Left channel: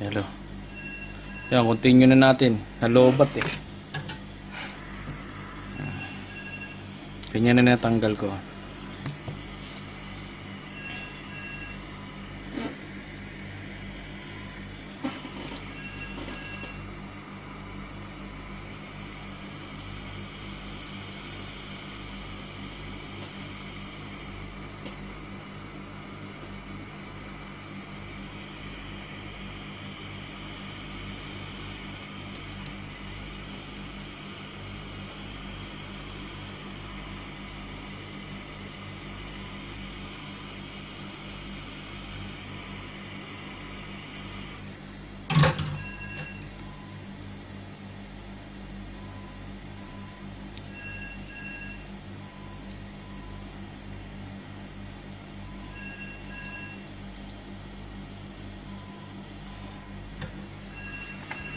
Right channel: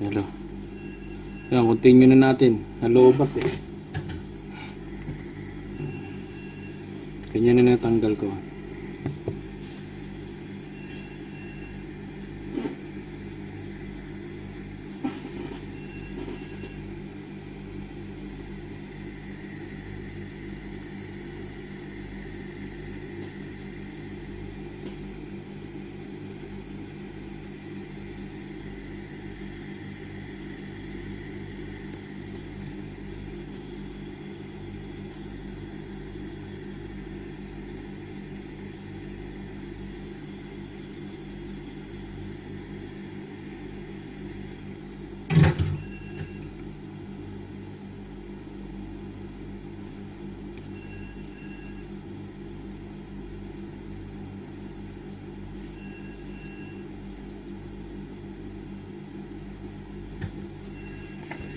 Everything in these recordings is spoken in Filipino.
Hello. Yan, continue na natin. Nalobat eh. Ganyan na natanggal ko.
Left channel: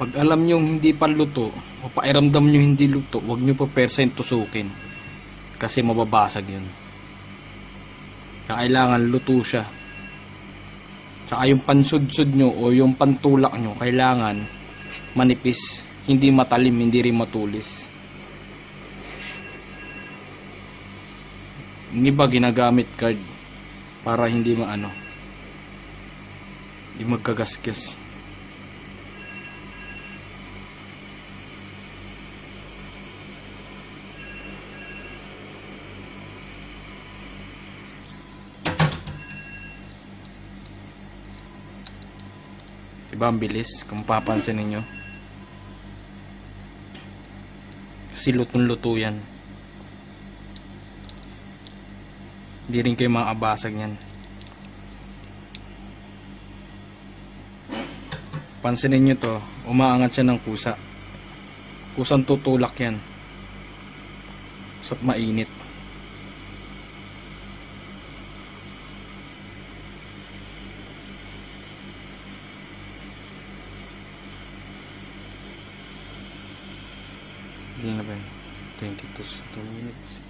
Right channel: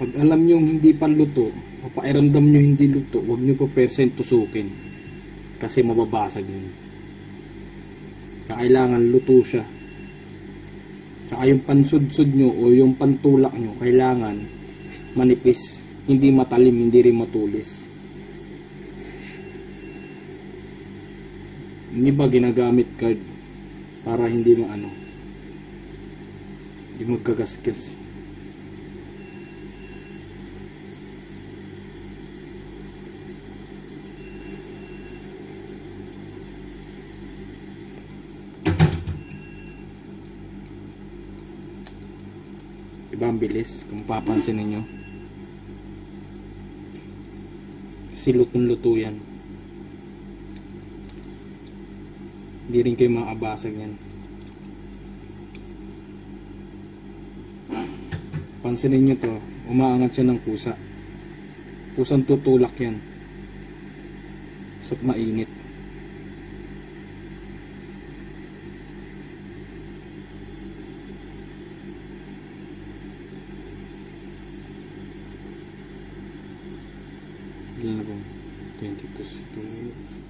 Pag alam nyo hindi pa luto o pairamdam nyo hindi luto, huwag nyo pa percent tusukin kasi mababasag yun. Kailangan luto siya. Tsaka yung pansudsud nyo o yung pantulak nyo kailangan manipis, hindi matalim, hindi rin matulis. Yung iba ginagamit card para hindi hindi magkagasgas. Diba ang bilis kung papansin ninyo? Kasi lutong-luto yan. Hindi rin kayo makabasag yan. Pansinin nyo to, umaangat siya ng kusa. Kusang tutulak yan. Kusa't mainit. Ilan na ba yun? 22 minutes.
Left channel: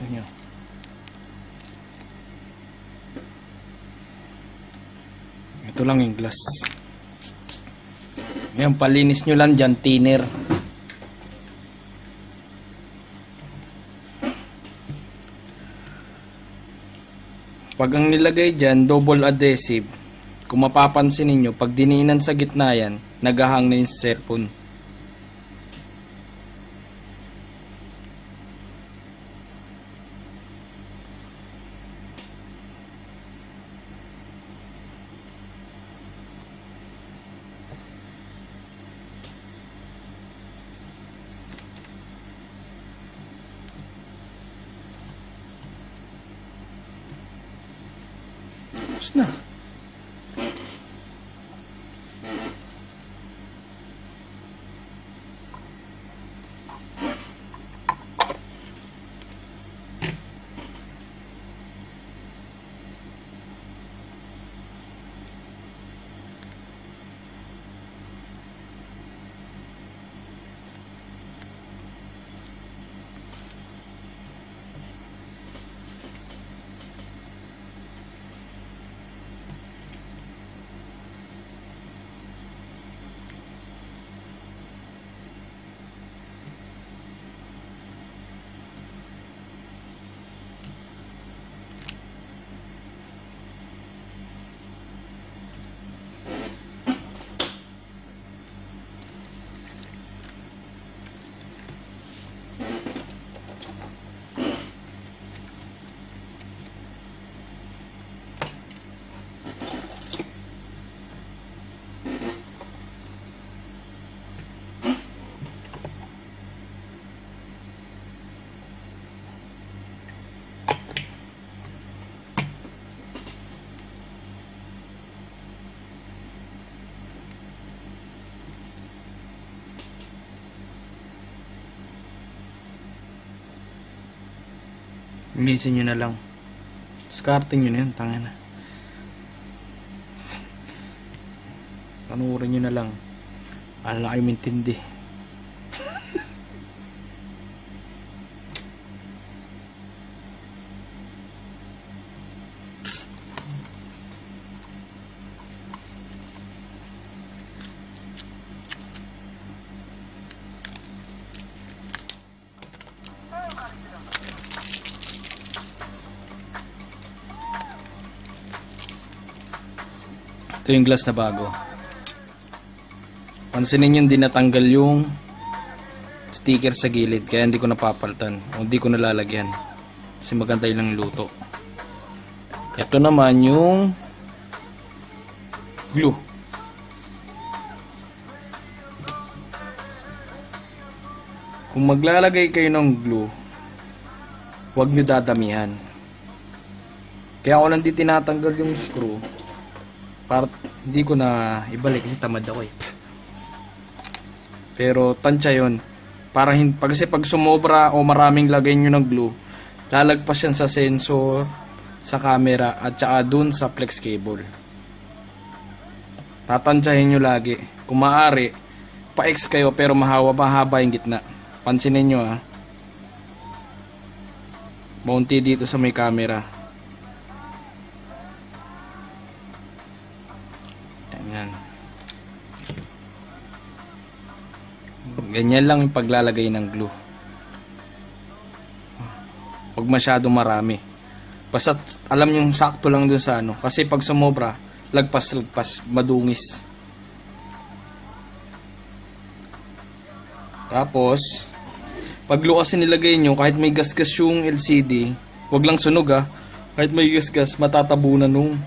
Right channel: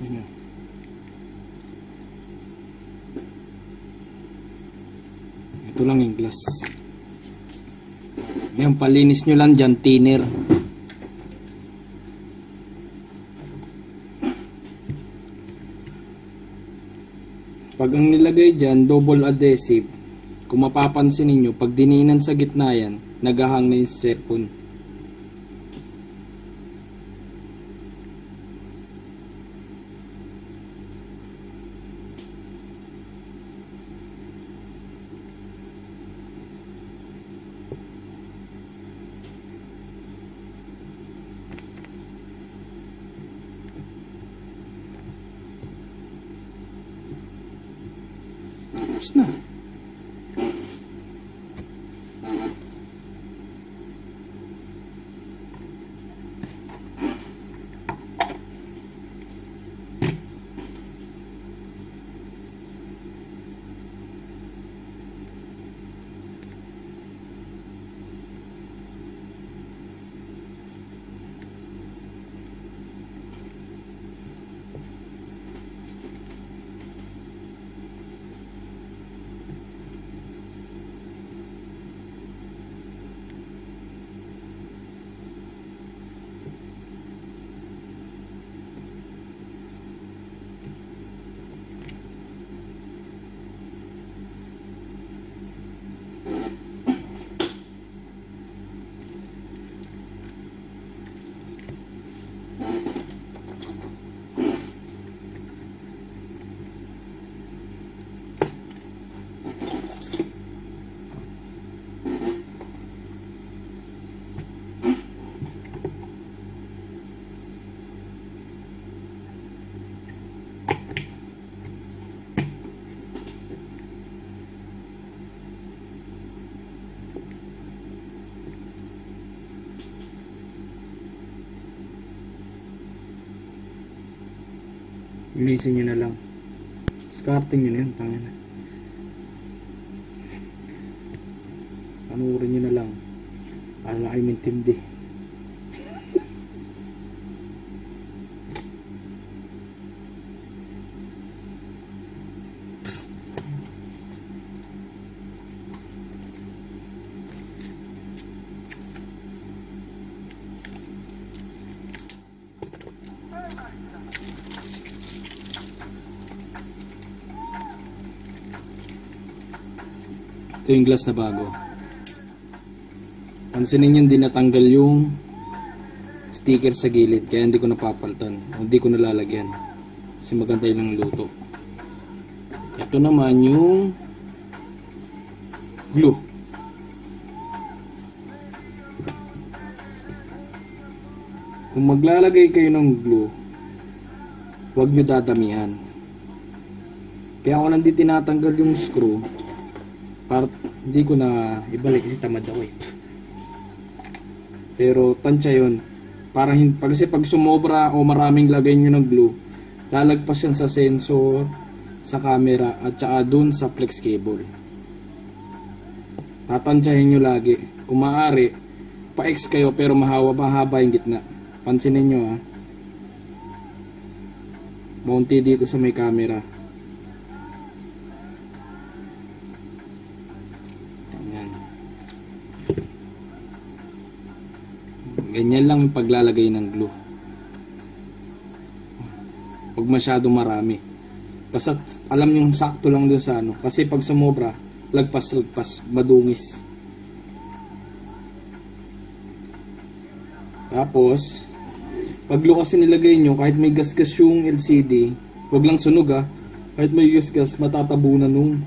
Nyo. Ito lang yung glass. Yan, palinis nyo lang dyan, thinner. Pag ang nilagay dyan, double adhesive, kung mapapansin ninyo, pag diniinan sa gitna yan, nagahang na yung cellphone. Tapos na. Imisin nyo na lang. Discarding nyo na yun. Tanga na. Panuorin nyo na lang. Alam na kayo mintindi. Ito yung glass na bago. Pansinin nyo, hindi natanggal yung sticker sa gilid, kaya hindi ko napapalitan o hindi ko nalalagyan kasi maganda yung luto. Ito naman yung glue. Kung maglalagay kayo ng glue, huwag nyo dadamihan. Kaya ako lang di tinatanggal yung screw para hindi ko na ibalik kasi tamad ako eh. Pero tansya yun. Para kasi pag sumobra o maraming lagay nyo ng glue, lalagpas yan sa sensor, sa camera, at saka dun sa flex cable. Tatansyahin nyo lagi. Kung maaari, pa-X kayo pero mahaba yung gitna. Pansinin nyo ha. Bounty dito sa may camera. Ganyan lang yung paglalagay ng glue. Huwag masyadong marami. Basta alam yung sakto lang dun sa ano. Kasi pag sumobra, lagpas, madungis. Tapos, pag glue kasi nilagay nyo, kahit may gasgas yung LCD, huwag lang sunog ha. Kahit may gasgas, matatabunan nung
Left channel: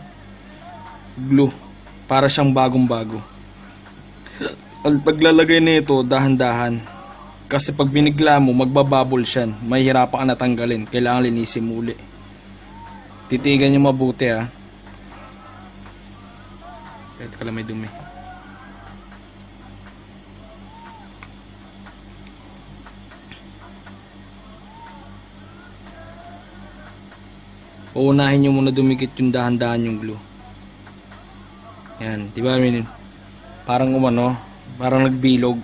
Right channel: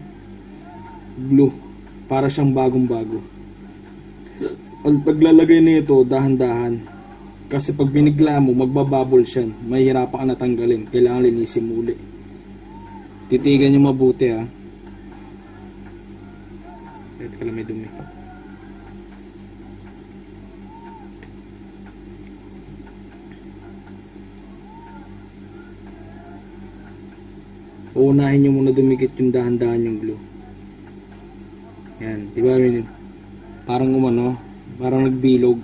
glue. Para siyang bagong-bago. Ang paglalagay nito dahan-dahan kasi pag binigla mo magbabubble siya, mahihirapan ka natanggalin, kailangan linisin muli. Titigan nyo mabuti ha. Kahit ka lang may dumi. Uunahin nyo muna dumikit yung dahan-dahan yung glue. Yan, diba parang umano, parang nagbilog.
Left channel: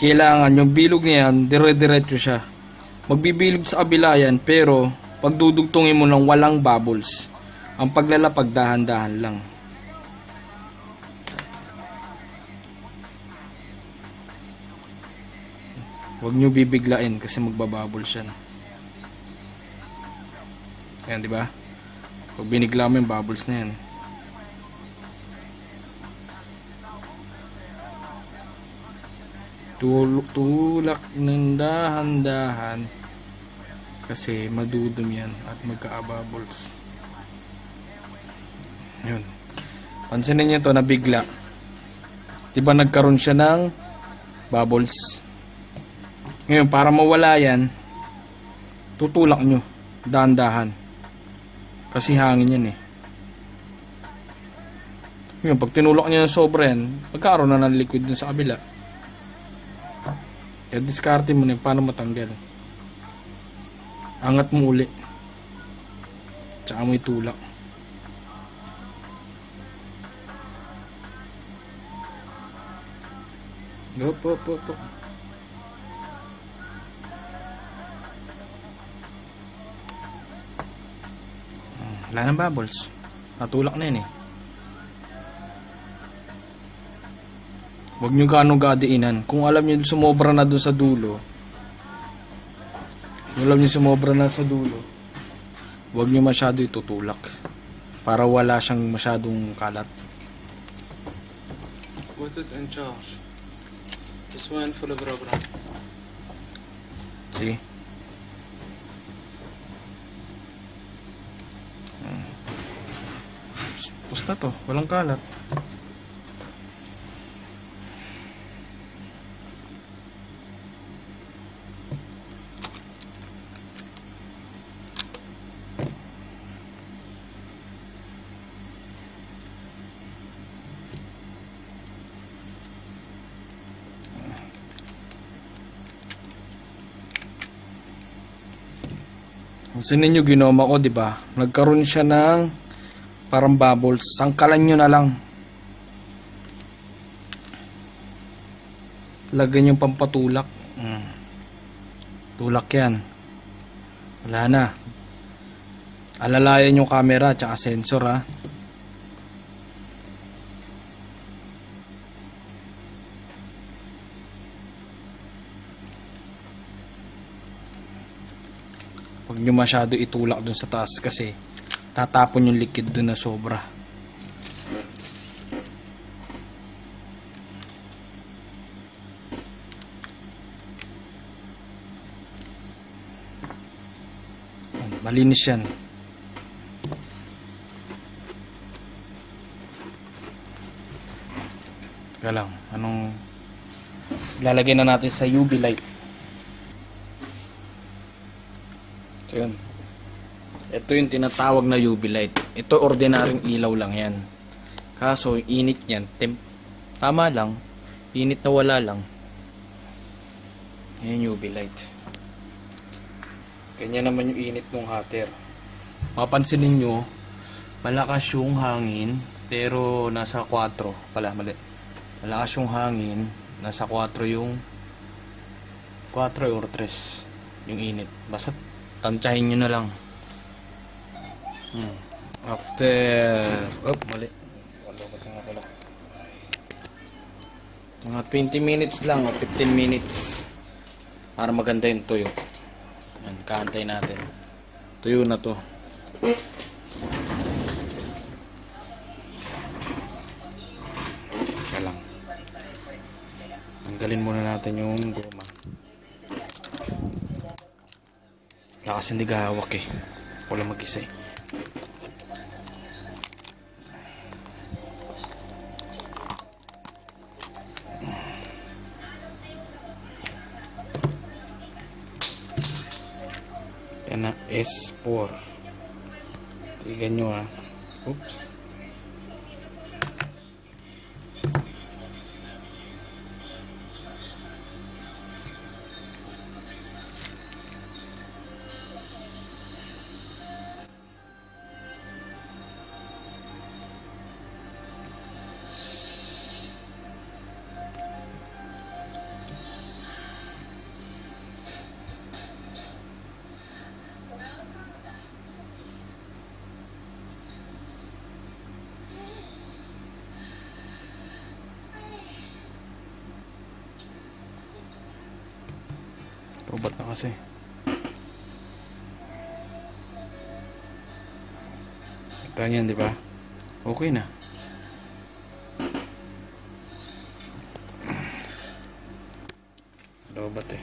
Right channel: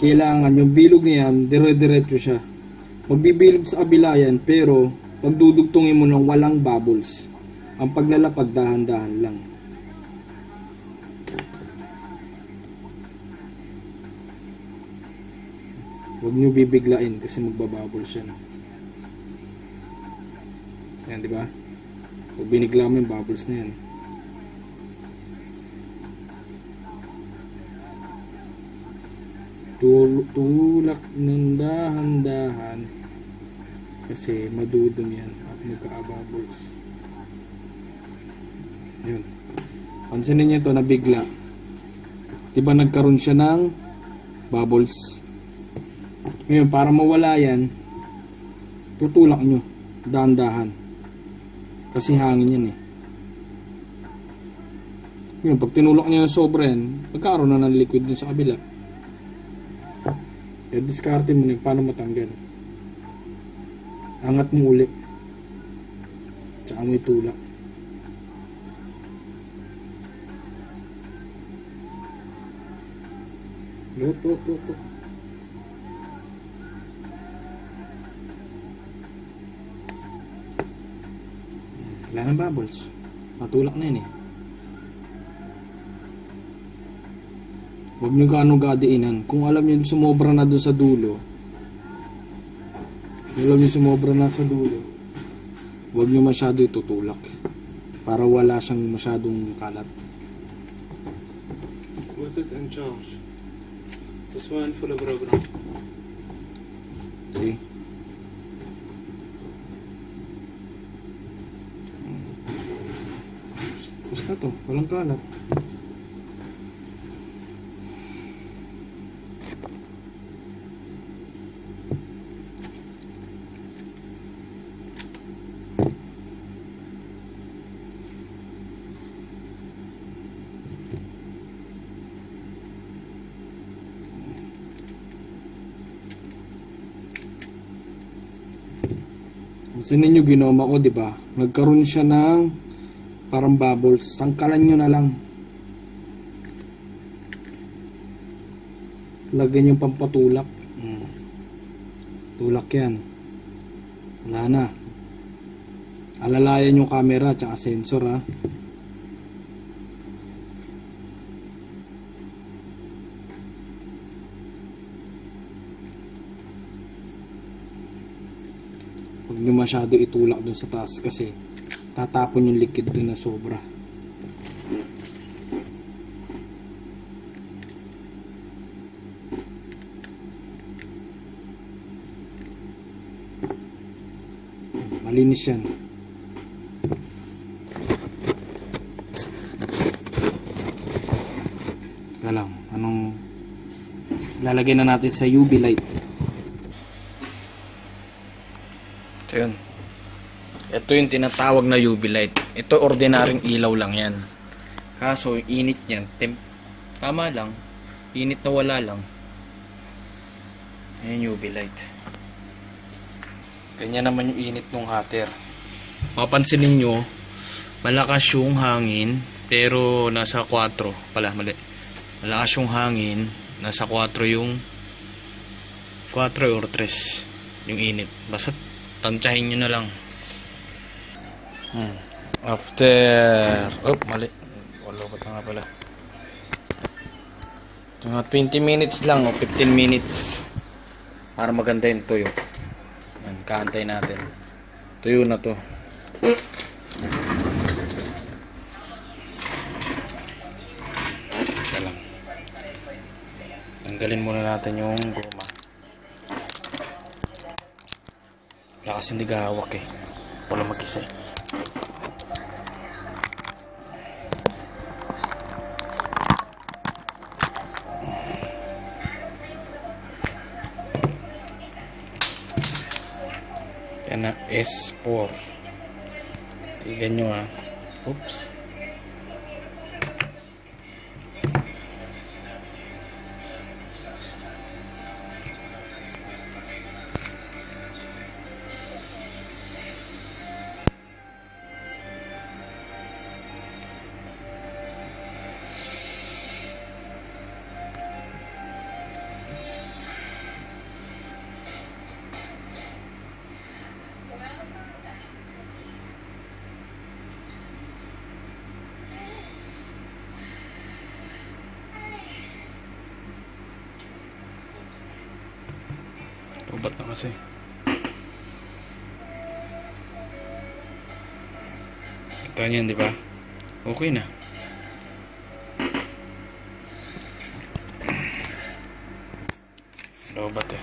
Kailangan yung bilog niya yan, dire-diretso siya. Magbibilog sa kabila yan, pero pagdudugtungin mo lang walang bubbles. Ang paglalapag dahan-dahan lang. Huwag nyo bibiglain kasi magbabubbles yan. Yan, di ba? Pag binigla mo yung bubbles na yan. Tulak ng dahan-dahan kasi madudumi yan at magka-bubbles. Yun. Pansinin nyo to, nabigla. Diba nagkaroon siya ng bubbles? Ngayon, para mawala yan, tutulak nyo dahan-dahan kasi hangin yan eh. Ngayon, pag tinulak nyo ng sobra yan, magkaroon na ng liquid dun sa kabila. Kaya diskarte mo na yung paano matanggal. Angat mo uli. Tsaka mo itulak. Op. Wala ng bubbles. Natulak na yun eh. Huwag nyo ganong gadiinan. Kung alam nyo sumobra na doon sa dulo, huwag nyo masyado itutulak para wala siyang masyadong kalat. What's it in charge? This one full of rubber. See? Basta to, walang kalat. Gusto ninyo ginoma ko, di ba? Nagkaroon siya ng parang bubbles. Sangkalan nyo na lang. Lagyan yung pampatulak. Tulak yan. Wala na. Alalayan yung camera tsaka sensor, ha. Huwag nyo masyado itulak dun sa taas kasi tatapon yung liquid dun na sobra. Malinis yan. Teka lang, anong lalagay na natin sa UV light. Ito yun. Ito yung tinatawag na UV light. Ito ordinaryong ilaw lang yan. Kaso init yan, tama lang, init na wala lang. Ayan UV light. Ganyan naman yung init ng hater. Mapansin ninyo, malakas yung hangin, pero nasa 4 pala, mali. Malakas yung hangin, nasa 4 yung 4 or 3 yung init. Basta tansyahin nyo na lang. After mali. Wala ba nga pala. Mga 20 minutes lang o 15 minutes para maganda yung tuyo. Yan, kaantay natin. Tuyo na to. Teka lang. Tanggalin muna natin yung goma. Wala kasi hindi gahawak eh. Wala mag-isa eh. Yan na, S4. Tignan nyo ha. Oops. Ubat na kasi. Ganyan, di ba? Okay na. Ubat eh.